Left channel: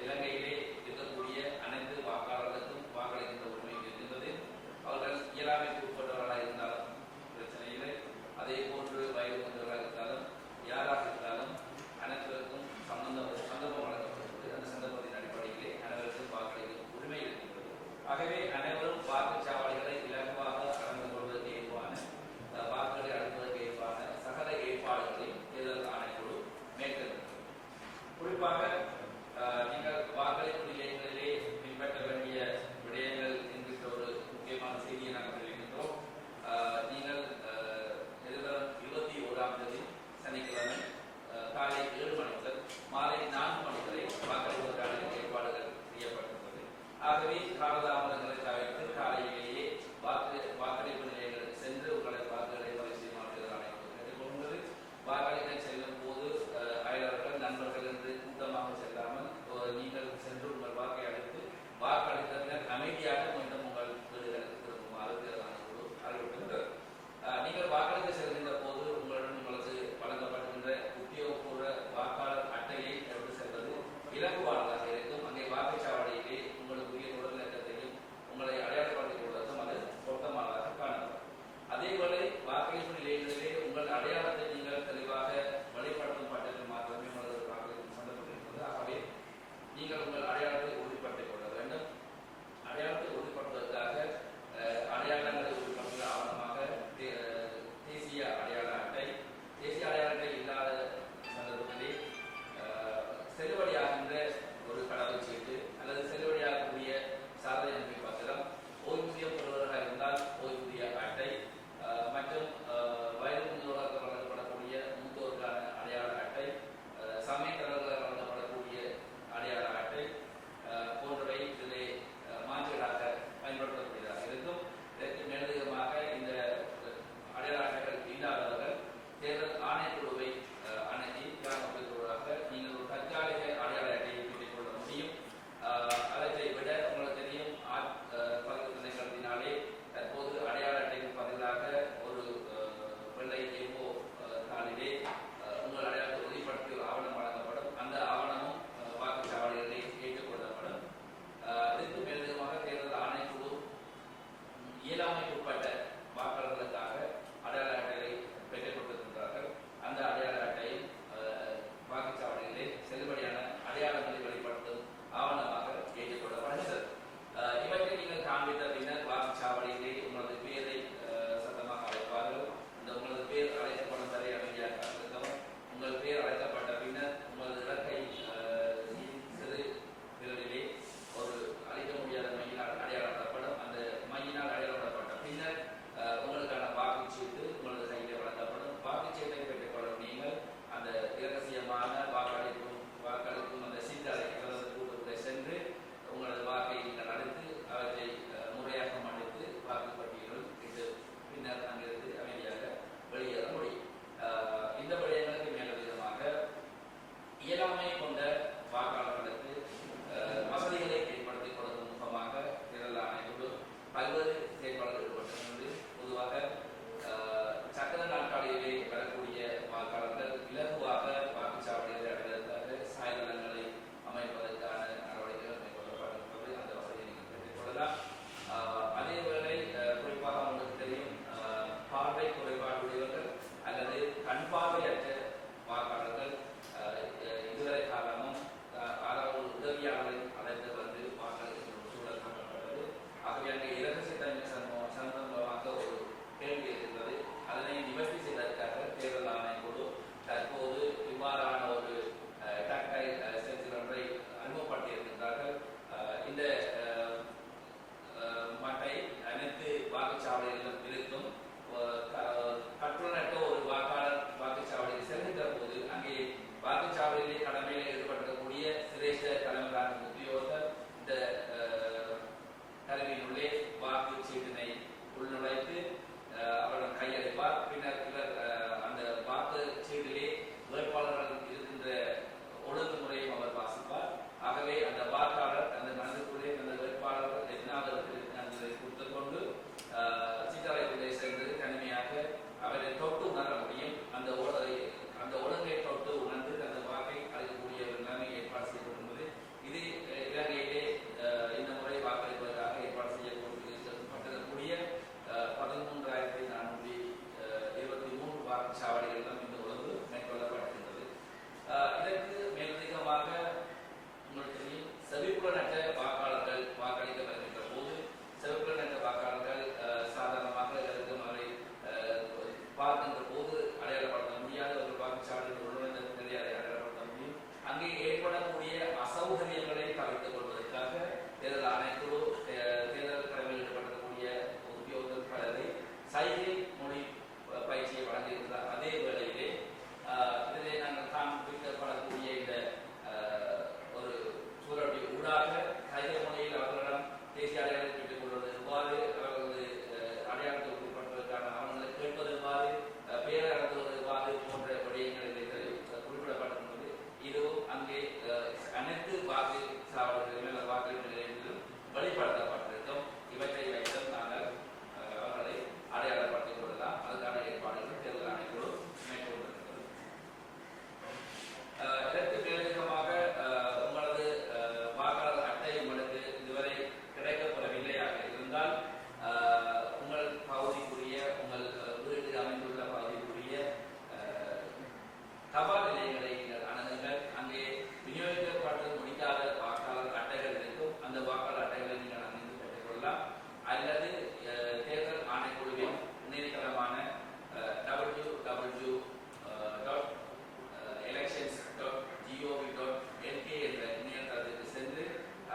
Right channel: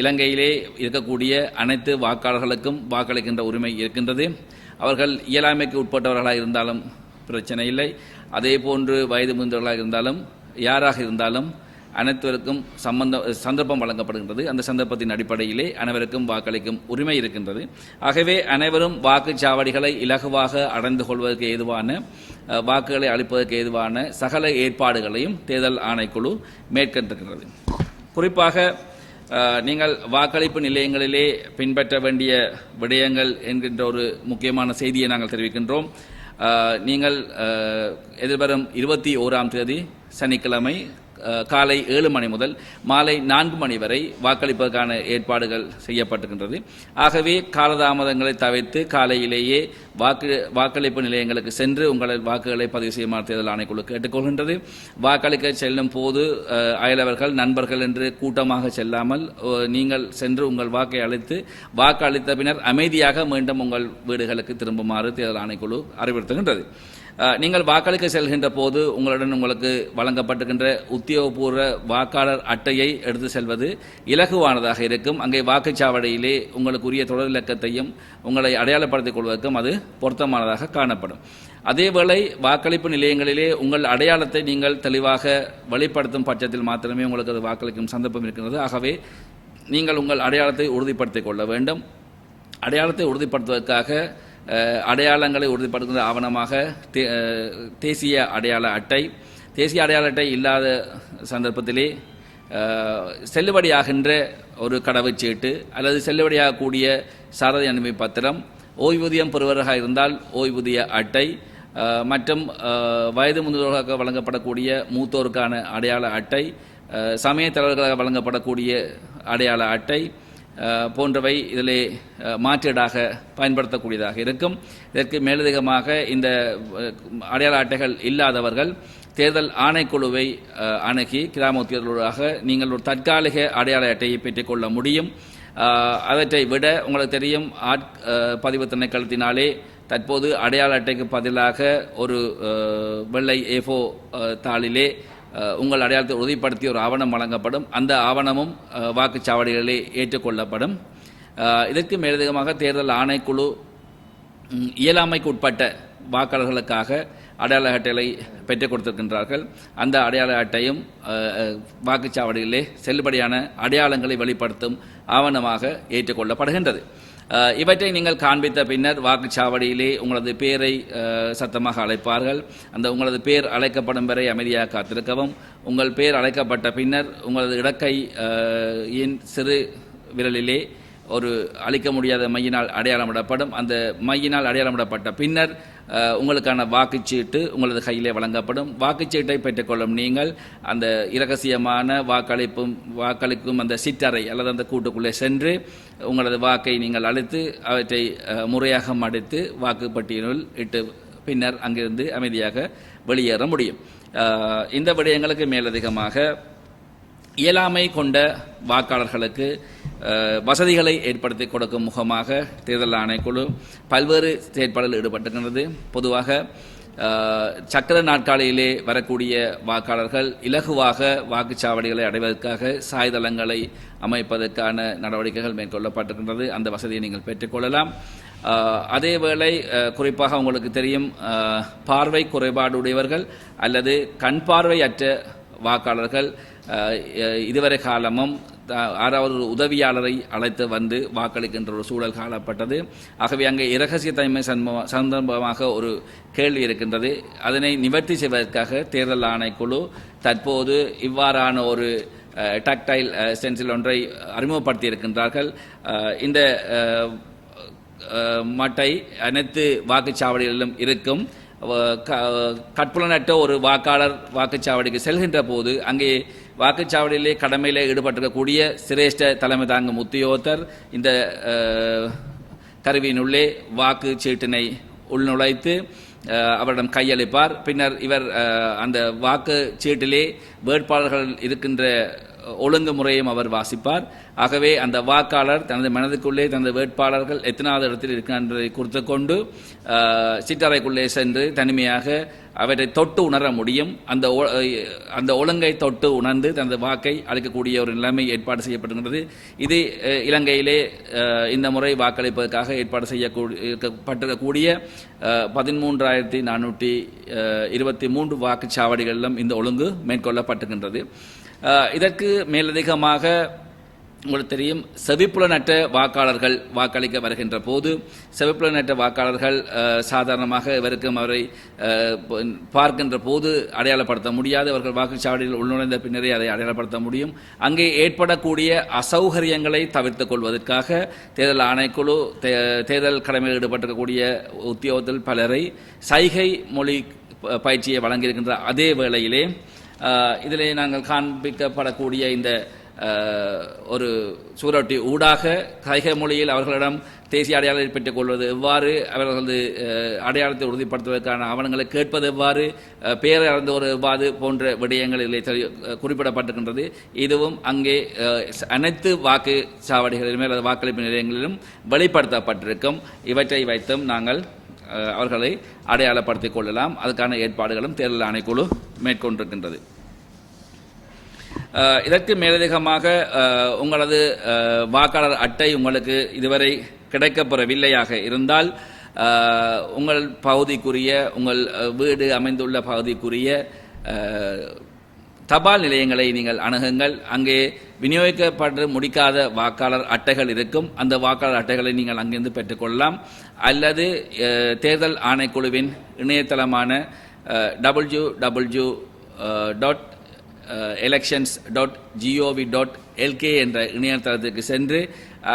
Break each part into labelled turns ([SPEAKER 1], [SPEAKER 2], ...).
[SPEAKER 1] இலங்கையிலே இருக்கக்கூடிய அனைத்து வாக்காளர்களுக்கும் வாக்களிக்கின்ற உரிமை இருக்கின்றது. அவர்கள் இயலாமைக்கு உட்பட்டவர்களாக இருந்தாலும் பிரச்சனை இல்லை. அதே போன்று வயது முதிர்ந்தவர்களாக இருந்தாலும் யாராக இருந்தாலும் அனைத்தருக்கும் சம்பந்த சந்தர்ப்பம் வழங்கப்படுகின்றது. அந்த சந்தர்ப்பத்தின் அடிப்படையிலே அனைவருக்கும் வாக்களிக்கும் உரிமை இருக்கின்றது. ஆகவே அனைவரும் வாக்குச்சாவடிகளை இலகுவாக அடைந்து கொள்வதற்கு ஏதுவான வாக்குகளை அளிப்பதற்கு ஏதுவான சகல ஏற்பாடுகளையும் தேர்தல் ஆணைக்குழு மேற்கொண்டிருக்கின்றது. குறிப்பாக நீங்கள் வாக்களிப்பு நிலையங்களிலே பின்பற்ற வேண்டிய விடயங்கள் என்கின்ற ஒரு முக்கியமான செய்தியை நாங்கள் தெரிவிக்கின்றோம். நீங்கள் எதிர்வரும் இருபத்தி ஓராம் தேதி சனிக்கிழமை காலை ஏழு மணி முதல் மாலை நான்கு மணி வரை வாக்களிப்பதற்கான ஏற்பாடுகள் செய்யப்பட்டிருக்கின்றது. ஆகவே காலதாமதங்களை தவிர்த்து காலையிலேயே வாக்கு வாக்களிப்பு நிலையங்களுக்கு சென்று உங்கள் வாக்குகளை பதிவு செய்யுமாறு தேர்தல் ஆணைக்குழு கேட்டுக்கொள்கின்றது. வாக்களிக்க செல்லும் போது அயலவர்கள் நண்பர்கள் என்று கூட்டமாக செல்லாமல் நீங்கள் சென்று உங்கள் வாக்கை அளித்து வாக்கு அளித்த பின்னர் அமைதியாக மீண்டும் உங்கள் வீடுகளுக்கு திரும்புமாறு தேர்தல் ஆணைக்குழு அறிவுறுத்துகின்றது. நீங்கள் வாக்களிக்க செல்கின்ற போது உங்களுடன் உங்களுக்கு வழங்கப்பட்டிருக்கின்ற உத்தியோகபூர்வ வாக்காளர் அட்டையை எடுத்து செல்வது இலகுவானதாக இருக்கும். அங்கே வாக்குச்சாவடியிலே உங்களுக்குரிய தொடர் இலக்கத்தையும் உங்களை அடையாளப்படுத்திக் கொள்வதற்கும் அது பொருத்தமானதாக காணப்படும். அதேவேளை வாக்களிப்பு நிலையங்களிலே உங்கள் அடையாளத்தை நீங்கள் தெளிவாக வெளிப்படுத்தும் பட்சத்தில் மாத்திரமே உங்களுக்கு அது வாக்களிக்கும் சந்தர்ப்பம் இருக்கிறது. ஆகவே நீங்கள் உங்கள் அடையாளத்தை உறுதிப்படுத்திக் கொள்ள வேண்டும். அடையாளத்தை உறுதிப்படுத்துவதற்காக அடையாளங்களை உறுதிப்படுத்துகிற ஆவணமாக தே- தேசிய அடையாள அட்டை. தேசிய அடையாள அட்டை இல்லாத சந்தர்ப்பத்திலே செல்லுபடியாகின்ற ஒரு கடவுச்சீட்டு அல்லது செல்லுபடியாகக்கூடிய சாரதி அனுமதி பத்திரம் ஓய்வூதியம் பெறுவராக இருந்தால் ஓய்வூதிய அட்டை மற்றும் வயது முதல்வர்களாக வழங்கப்படக்கூடிய மூத்தோருக்கான அடையாள அட்டை அஹ், சமயத் தலைவர்களாக வழங்கப்படக்கூடிய அடையாள அட்டை போன்றவை இதில் மாற்றீடாக பயன்படுத்தக்கூடியதாக இருக்கும். இதற்கு மேலதிகமாக இந்த அடையாள அட்டைகள் இல்லாதவர்கள் தேர்தல் ஆணைக்குழுவை அணுகி கிராம உத்தியோகர்களாக நீங்கள் ஒரு தற்காலிக அடையாள அட்டையை பெற்றுக்கொள்ள முடியும். அவற்றை விட உங்களுக்கு தெரியும் ஆட் பதிவு திணைக்களத்தினாலே தற்போது அடையாள அட்டைக்கு பதிலாக ஒரு வெள்ளை ஏஃபோ தாளிலே உங்கள் அடையாளத்தை உறுதிப்படுத்தி ஒரு ஆவணம் வழங்கப்படும். அந்த ஆவணமும் வாக்குச்சாவடிகளில் வாக்குச்சாவடிகளிலே ஏற்றுக்கொள்ளப்படும். இதற்கு மேலதிகமாக தேர்தல் ஆணைக்குழு இயலாமைக்கு உட்பட்ட வாக்காளர்களுக்காக அடையாள அட்டைகளை பெற்றுக் கொடுத்திருக்கின்றார்கள். அந்த அடையாள அட்டையும் வாக்குச்சாவடிகளிலே வாக்குச்சாவடியிலே செல்லுபடியான அடையாளங்களை வெளிப்படுத்தும் ஆவணமாக ஏற்றுக்கொள்ளப்படுகின்றது. இவற்றை நீங்கள் காண்பித்த பின்னர் வாக்குச்சாவடியிலே உங்களது பேரை சத்தமாக அழைப்பார்கள். அந்த உங்களது பேர் அழைக்கப்படும் வரை அமைதியாக காத்திருக்கவும். உங்கள் பேர் அழைக்கப்பட்ட பின்னர் உங்களது இடக்கை சிறு விரலிலே ஒரு அழிக்க முடியாத மையினால் அடையாளமிடப்படும். அந்த மையினால் அடையாளமிடப்பட்ட பின்னர் உங்களுக்கான வாக்குச்சீட்டு உங்களது கையிலே வழங்கப்படும். வாக்குச்சீட்டை பெற்றுக்கொள்ளும் நீங்கள் அந்த இரகசியமான வாக்களிப்பும் வாக்களிக்கும் அந்த சிற்றறை அல்லது அந்த கூட்டுக்குள்ளே சென்று உங்களது வாக்கை நீங்கள் அழைத்து அவற்றை முறையாக மடித்து வாக்குப்பட்டியலில் இட்டு பின்னர் அங்கிருந்து அமைதியாக வெளியேற முடியும். இந்த விடயங்களுக்கு மேலதிகமாக இயலாமை கொண்ட வாக்காளர்களுக்கு வசதிகளை ஏற்படுத்தி கொடுக்கும் முகமாக தேர்தல் ஆணைக்குழு பல்வேறு செயற்பாடுகள் ஈடுபட்டிருக்கிறது பொதுவாக சக்கர நாட்காலியிலே வரக்கூடிய வாக்காளர்கள் இலகுவாக வாக்குச்சாவடிகளை அடைவதற்காக சாய்தளங்களை அமைப்பதற்கான நடவடிக்கைகள் மேற்கொள்ளப்பட்டிருக்கின்றது. அந்த வசதியை நீங்கள் பெற்றுக்கொள்ளலாம் அதேவேளை குறிப்பாக உங்களுக்கு தெரியும் பார்வை குறைபாடு உடையவர்கள் அல்லது கண் பார்வையற்ற வாக்காளர்கள் இதுவரை காலமும் ஆறாவது ஒரு உதவியாளரை அழைத்து வந்து வாக்களிக்கின்ற ஒரு சூழல் காணப்பட்டது. ஆகவே அங்கே இரகசியத்தன்மை சம்பவ சந்தர்ப்பமாக ஒரு கேள்வி இருக்கின்றது. அதனை நிவர்த்தி செய்வதற்காக தேர்தல் ஆணைக்குழு தற்போது இவ்வாறான ஒரு டக்டைல் ஸ்டென்சில் ஒன்றை அறிமுகப்படுத்தி இருக்கின்றார்கள் இந்த மட்டை அனைத்து வாக்குச்சாவடிகளிலும் இருக்கும். க- கற்புலனற்ற ஒரு வாக்காளர் வாக்குச்சாவடிக்கு செல்கின்ற போது அங்கே வாக்குச்சாவடியிலே கடமையில் ஈடுபட்டிருக்கக்கூடிய சிரேஷ்ட தலைமை தாங்கும் உத்தியோகத்தர் இந்த கருவியினுள்ளே வாக்கு சீட்டினை உள்நுழைத்து அவரிடம் கையளிப்பார். பின்னர் இவர் அந்த வாக்கு சீட்டிலே வேட்பாளர்கள் இருக்கின்ற ஒழுங்குமுறையும் அவர் வாசிப்பார். ஆகவே அந்த வாக்காளர் தனது மனதுக்குள்ளே தனது வேட்பாளர்கள் எத்தனாவது இடத்தில் இருக்கின்றதை குறித்து கொண்டு சிற்றறைக்குள்ளே சென்று தனிமையாக அவற்றை தொட்டு உணர முடியும். அந்த ஒ- அந்த ஒழுங்கை தொட்டு உணர்ந்து தனது வாக்கை அளிக்கக்கூடிய ஒரு நிலைமை ஏற்பாடு செய்யப்படுகின்றது இது இலங்கையிலே இந்த முறை வாக்களிப்பதற்காக ஏற்பாடு செய்யப்பட்டிருக்கக்கூடிய பதிமூன்றாயிரத்தி நானூற்றி இருபத்தி மூன்று வாக்குச்சாவடிகளிலும் இந்த ஒழுங்கு மேற்கொள்ளப்பட்டுகின்றது இதற்கு மேலதிகமாக உங்களுக்கு தெரியும் செவிப்புலனற்ற வாக்காளர்கள் வாக்களிக்க வருகின்ற போது செவிப்புலனற்ற வாக்காளர்கள் சாதாரணமாக இவருக்கும் அவரை பார்க்கின்ற போது அடையாளப்படுத்த முடியாது. அவர்கள் வாக்குச்சாவடியில் உள்நுழைந்த பின்னரே அதை அடையாளப்படுத்த முடியும். அங்கே ஏற்படக்கூடிய அசௌகரியங்களை தவிர்த்து கொள்வதற்காக தேர்தல் ஆணைக்குழு தே- தேர்தல் கடமையில் ஈடுபட்டிருக்கக்கூடிய உத்தியோகத்தில் பலரை சைகை மொழி ப- பயிற்சியை வழங்கியிருக்கின்ற அதே வேளையிலே இதிலே நாங்கள் காண்பிக்கப்படக்கூடிய இந்த ஒரு சூரொட்டி ஊடாக கைக மொழியில் அவர்களிடம் தேசிய அடையாளத்தை பெற்றுக் கொள்வது எவ்வாறு? அவர்கள் வந்து அடையாளத்தை உறுதிப்படுத்துவதற்கான ஆவணங்களை கேட்பது எவ்வாறு? அஹ், பெயர் ஒரு எவ்வாறு? போன்ற விடயங்கள் இதில் குறிப்பிடப்பட்டிருக்கின்றது. இதுவும் அங்கே அனைத்து வாக்கு சாவடிகளிலுமே அல்லது வாக்களிப்பு நிலையங்களிலும் வெளிப்படுத்தப்பட்டிருக்கும். இவற்றை வைத்தும் நாங்கள் அவர்களை அடையாளப்படுத்திக் கொள்ளலாம். அதுக்கான ஏற்பாடுகளும் தேர்தல் ஆணைக்குழு மேற்கொண்டிருக்கின்றது. இதற்கு மேலதிகமாக உங்களது வாக்காளர் அட்டை உங்களுக்கு இதுவரை கிடைக்கப்பெறவில்லையாக இருந்தால் உங்கள் பகுதிக்குரிய உங்கள் வீடு அமைந்துள்ள பகுதிக்குரிய தபால் நிலையங்களை நீங்கள் அணுகுங்கள். அங்கே விநியோகிக்கப்பட்டு முடிக்காத வாக்காளர் அட்டைகள் இருக்கும். அந்த வாக்காளர் அட்டைகளை நீங்கள் அங்கிருந்து பெற்றுக்கொள்ளலாம். அல்லது தேர்தல் ஆணைக்குழுவின் இணையதளமான W W dot elections dot GOV dot LK என்ற இணையதளத்திற்கு சென்று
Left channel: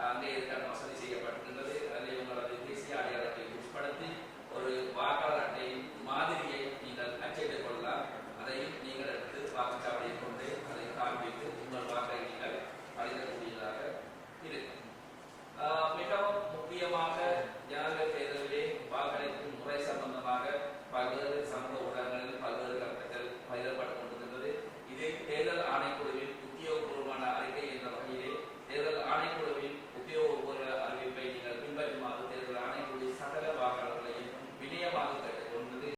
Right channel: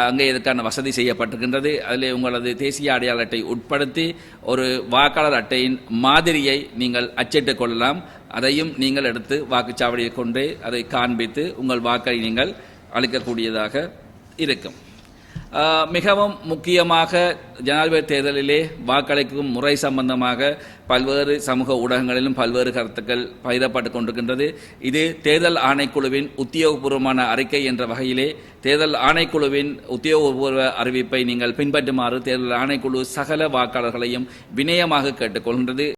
[SPEAKER 1] அங்கே இதற்கான வசதி செய்யப்பட்டிருக்கின்றது. அதில் உங்களது தேசிய அடையாள அட்டை உட்படுத்தி ஒரு வாக்காளர் அட்டையின் மாதிரியை நீங்கள் அச்சிட்டுக் கொள்ளலாம். அதையும் நீங்கள் எடுத்து வாக்குச்சாவடியை கொண்டு அதை காண்பித்து உங்கள் வாக்கை நீங்கள் அளிக்கக்கூடியதாக இருக்கும். மிகவும் முக்கியமாக ஜனாதிபதி தேர்தலிலே வாக்களிக்கும் முறை சம்பந்தமாக பல்வேறு சமூக ஊடகங்களிலும் பல்வேறு கருத்துக்கள் பகிரப்பட்டு கொண்டிருக்கின்றது. இது தேர்தல் ஆணைக்குழுவின் உத்தியோகபூர்வமான அறிக்கை என்ற வகையிலே தேர்தல் ஆணைக்குழுவின் உத்தியோகபூர்வ அறிவிப்பை நீங்கள் பின்பற்றுமாறு தேர்தல் ஆணைக்குழு சகல வாக்காளர்களையும் வினயமாக கேட்டுக்கொள்கின்றது